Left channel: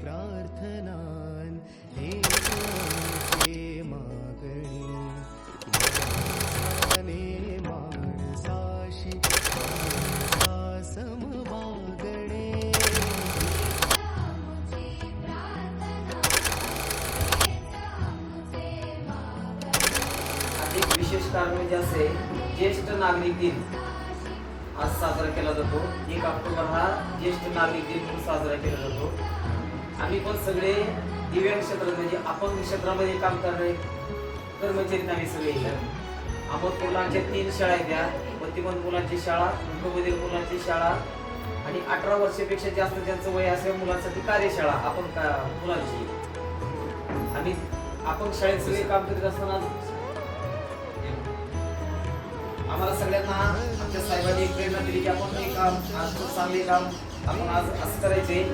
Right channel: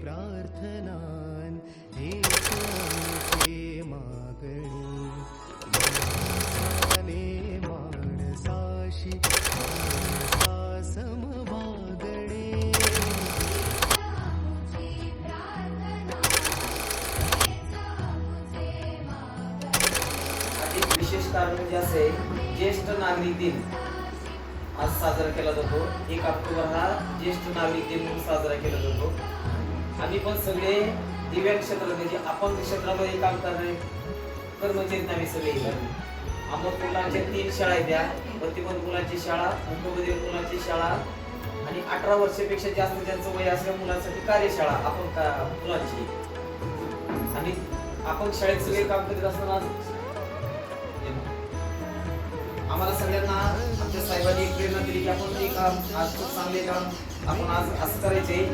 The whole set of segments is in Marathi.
प्रार्थना हे मागणे? माणसाशी समवागणे विशेष कारण म्हणजे असे ज्येष्ठ नागरिक दिन आज साजरा केला जातो. एक ऑक्टोबर हा ज्येष्ठ नागरिक दिन म्हणून साजरा केला जातो. आम्ही पण सगळे दिव्यांग क्षेत्रात म्हणजे अपंग क्षेत्रामध्ये काम करणारे कर्मचारी आम्ही सगळे इथं. मुलांच्या तीन शाळा आहेत त्या प्रतिबंध मुलांची शाळा मुंबईमधील मुलांची शाळा आणि अठरा वर्षापेक्षा जास्त त्यांचं वय असल्या मुलांसाठी कार्यशाळा आपण का मुलांची. आणि आपण शाळेत सगळे काम करीत असताना आम्हाला सगळ्यांना आमच्या काम आज चांगले काम आपण आज असं करायचे.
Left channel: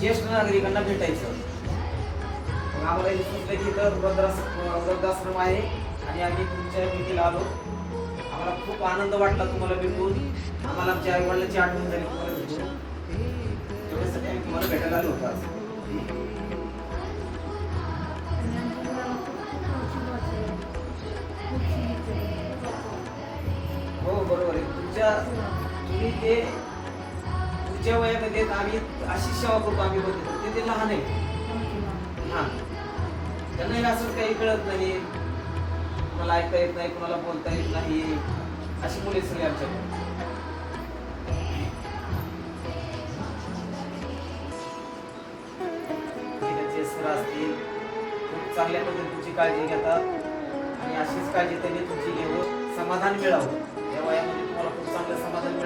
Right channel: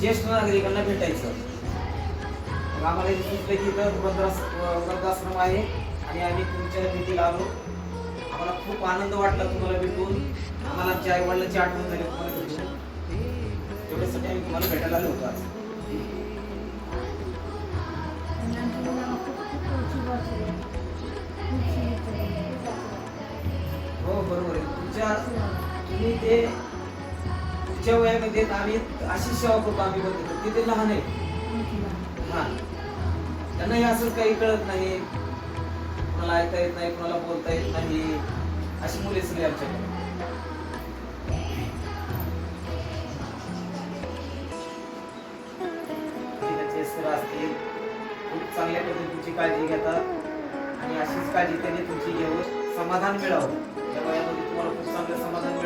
ज्येष्ठ नागरिकांना भेटायचं. मग आम्हाला इथे सुचलं इथं वृद्धास- वृद्धाश्रम आहे आणि आम्ही तुमच्या भेटीला आलो. आम्हाला खूप आनंद वाटला तुम्हाला भेटून. आम्हाला आमच्या आई वडिलांची आठवण झाली तुम्हाला भेटून. तेवढ्यासाठी आम्ही तुम्हाला भेटायला आलो होतो आज. हो बरोबर आहे. तुमच्या तुम्ही ते तुमच्या वयामध्ये आम्ही अशी सेवा करतो आम्ही करतो ते ते लहान आहे. हा. त्यांनाही असं काही कळत नाही. कोणाला ऐकता येत नाही कोणाला बोलता येत नाही. अशी मुले सगळे आमच्याकडे. असतील. खूप चांगल्या पद्धतीची तुमची काळजी घेतात. आणि अशीच काळजी त्यांनी तुमची घेऊन समाधान मिळावं. या वयामध्ये तुम्हाला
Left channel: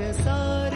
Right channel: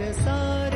सारी